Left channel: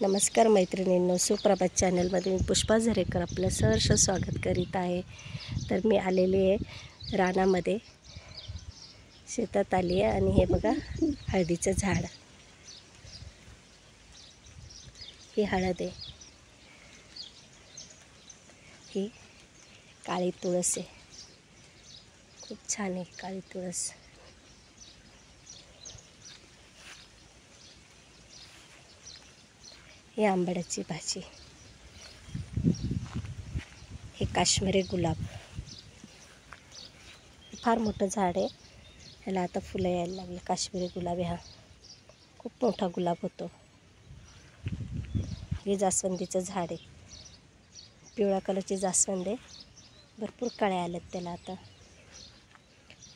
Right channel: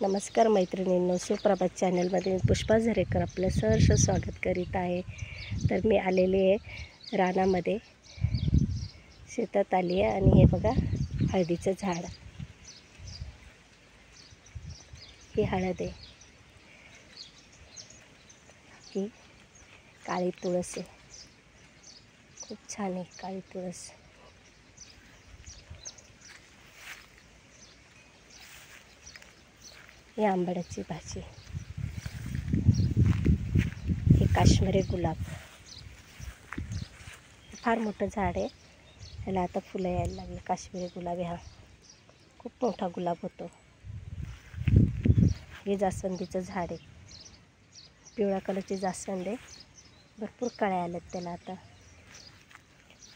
नमस्कार मैत्रिणींनो, सुप्रभात चॅनलमध्ये मी पुष्पा झरेकर आपलं सहर्ष स्वागत करीत आहे। तर मी आलेली आहे रानामध्ये, शेतात आली आहे आणि हे बघा हळदीचं झाड, ही हळद आहे, ही काळी तुळस आहे, खूप छान आहे काळी तुळस। ही आंबाड्याची भाजी, हे काश्मीरी गुलाब, फार मोठं झाड आहे, ह्याला आता फुलं यायला लागली। काश्मीरी गुलाब हा खूप मोठा गुलाब होतो। हे जास्वंदीचं झाड आहे, पिवळ्या कलरची जास्वंद आहे, भरपूर कळ्या आल्यात त्याला आता।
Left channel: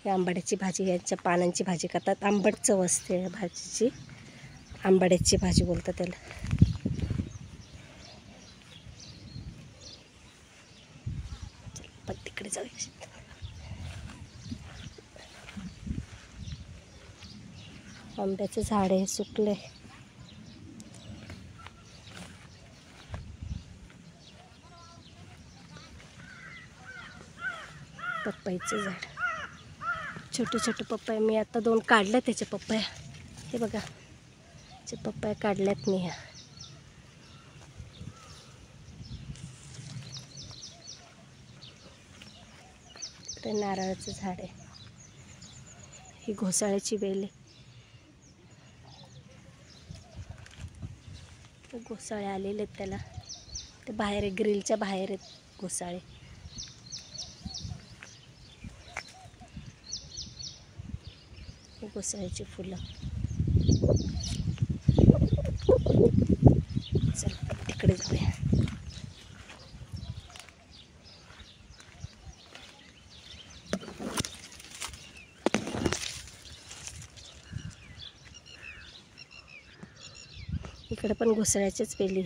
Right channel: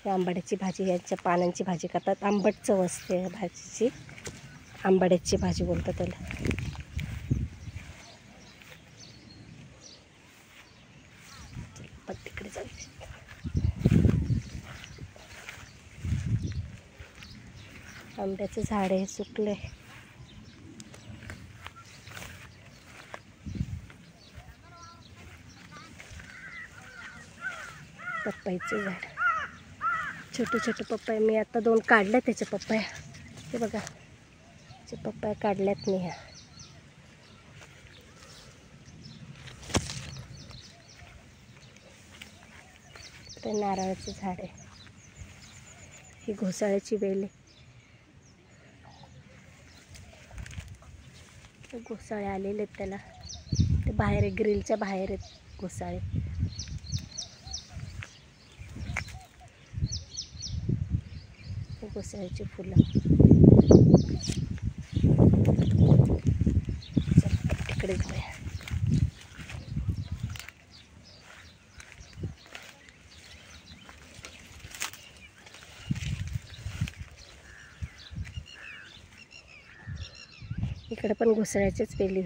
हे आंबाड्याची भाजी, यांच्या पानांची भाजी करतात, आंबट चव असते भाजीची, आंबाड्याची भाजी बोलतात त्याला। पण तिकडे जाऊया, आंब्याचं झाड आहे, सुकले। पपईचं झाड, छोटे छोटे पपई, मी आता 2 काढले त्याचे पपया, हे बघा ते पपया काढल्यात मी। ह्या इकडे नारळाचं झाड आहे, ही घोसाळ्याची वेल आहे, घोसाळे आलेले आहेत त्याला, ते बाहेर आहे, ग्रिलच्या बाहेर आहेत घोसाळे। घोसाळ्याची फुलं, चला तिकडे जाऊया। इकडे पण घोसाळ्याच्याच वेली,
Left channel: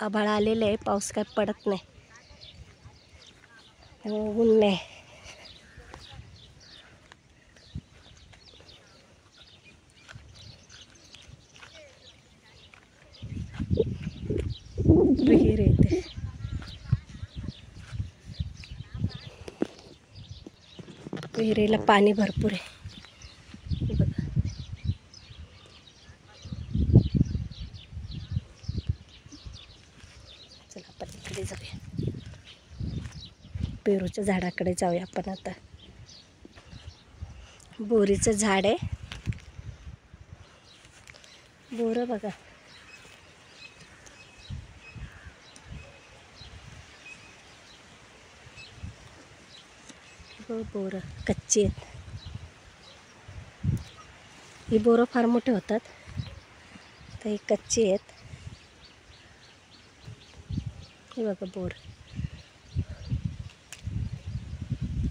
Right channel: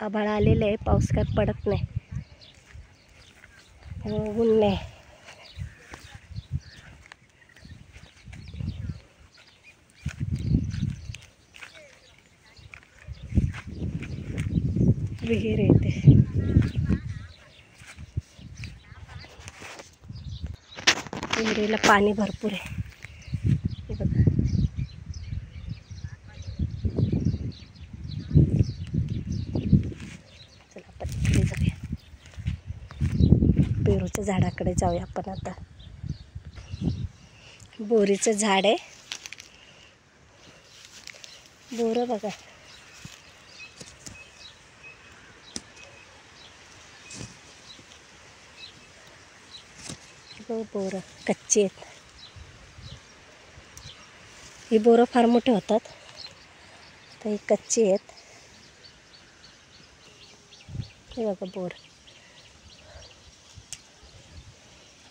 आभाळ आलेलं आहे, पाऊस काय पडत नाही, ऊन नाही। विहीर येते, विहिरीला पाणी भरपूर आहे, बघा। चला आपण इकडे जाऊया, पेरूच्या झाडाकडे जाऊया आपण आता। बोरीचं झाड आहे, बोरं बघा, बोरं कच्ची आहेत, ही बोरं फार मोठे होतात, तर ही कच्ची आहेत। हे बघा बोर,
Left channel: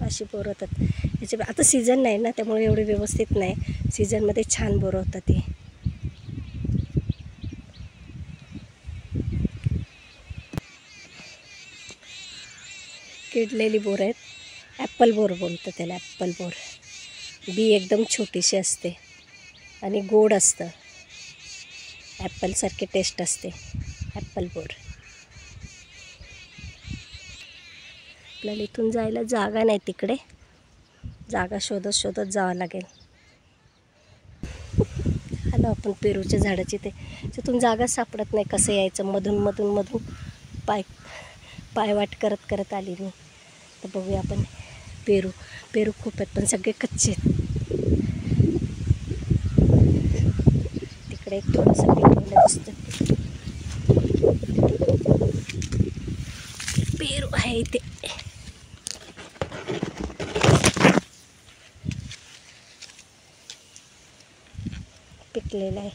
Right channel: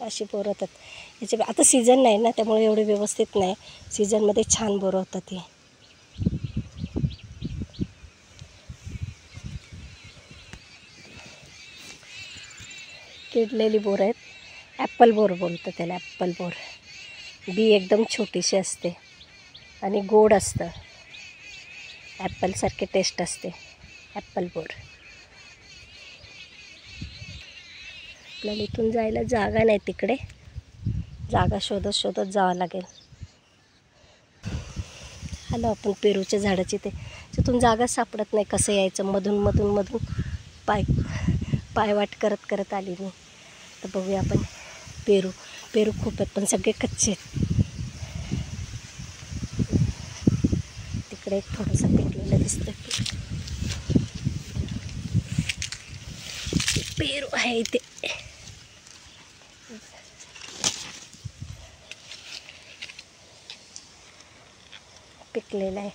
अशी बोरं होतात याच्या। आता सीझन नाही ना, त्यामुळे एवढे व्यवस्थित नाही, सीझनमध्ये छान बोरं होतात। ती किडलेली बोरं आहेत, ॲपल बोर बोलतं त्याला, ॲपल बोर। बी एकदम छोटीशी असते आणि गोड असतं, ॲपलसारखी टेस्ट असते, ॲपल बोर। आपल्याला इथून जायला जागा नाही, तिकडे जागा शोधत शोधत जावं लागेल। आलो आपण पेरूच्या झाडाची, तिथून जागा सापडत नाही, कसं यायचं, मधून मधून मधून पायवाट करत करत आली मी। तर बघूया आपण, पेरू खूप आहेत पण सगळे कच्चे आहेत। तिकडे एक थोडंसं पेरूला दिसतं, पेरू आहे इथे, पिकलेला आहे,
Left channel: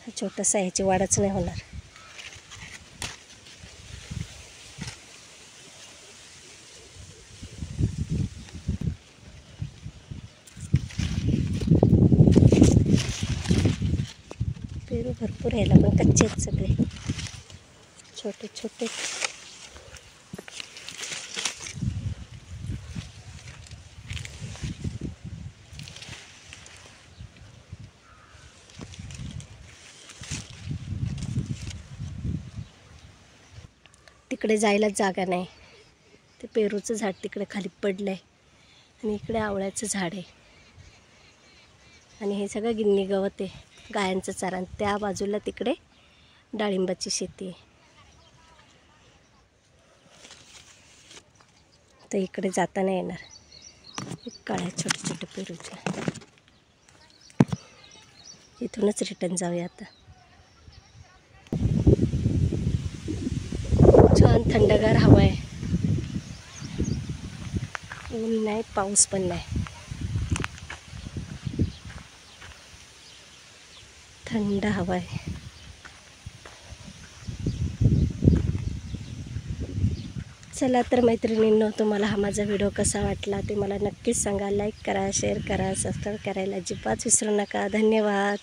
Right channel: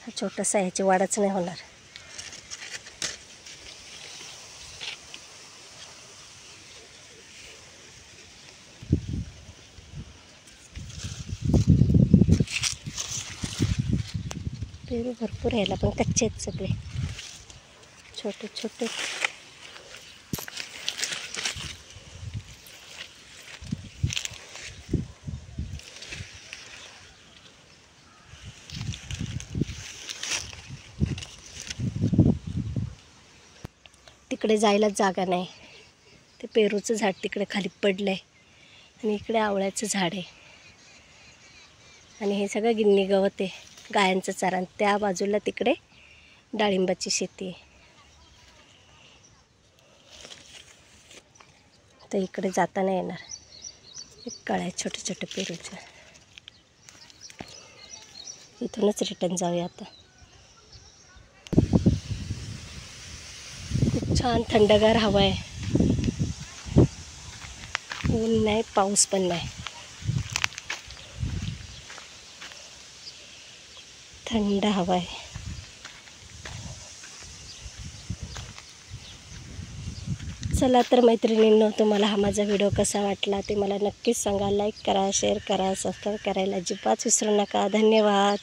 हा छोटासा, ह्याची वाढच नाही होणार। पेरू भरपूर यायला, पण कच्चे आहेत सगळे, छोटे छोटे। इकडे जायला जागा नाही. ते पेरूचं झाड तिकडे खाली पडलं आहे आणि इकडे आवळ्याचं झाड आहे आणि हे सगळं गिन्नी गवत आहे, गायांचं चारा. आणि त्या बाजूला तिकडे डाळिंबाची शेती आहे. तर इकडे जाता नाही येणार. कळ्या छोटे छोटे पेरूच्या. इथूनच रिटर्न जाऊया आता. छान थंडगार हवा आहे. ऊन नाही, पाऊस पण नाही. थंड हवा आहे. चला तर मैत्रिणींनो, तुम्हाला हा माझा व्हिडिओ कसा वाटला ते मला नक्कीच सांगा. लाईक करा, शेअर करा, सबस्क्राईब करायला अजिबात विसरू नका. धन्यवाद.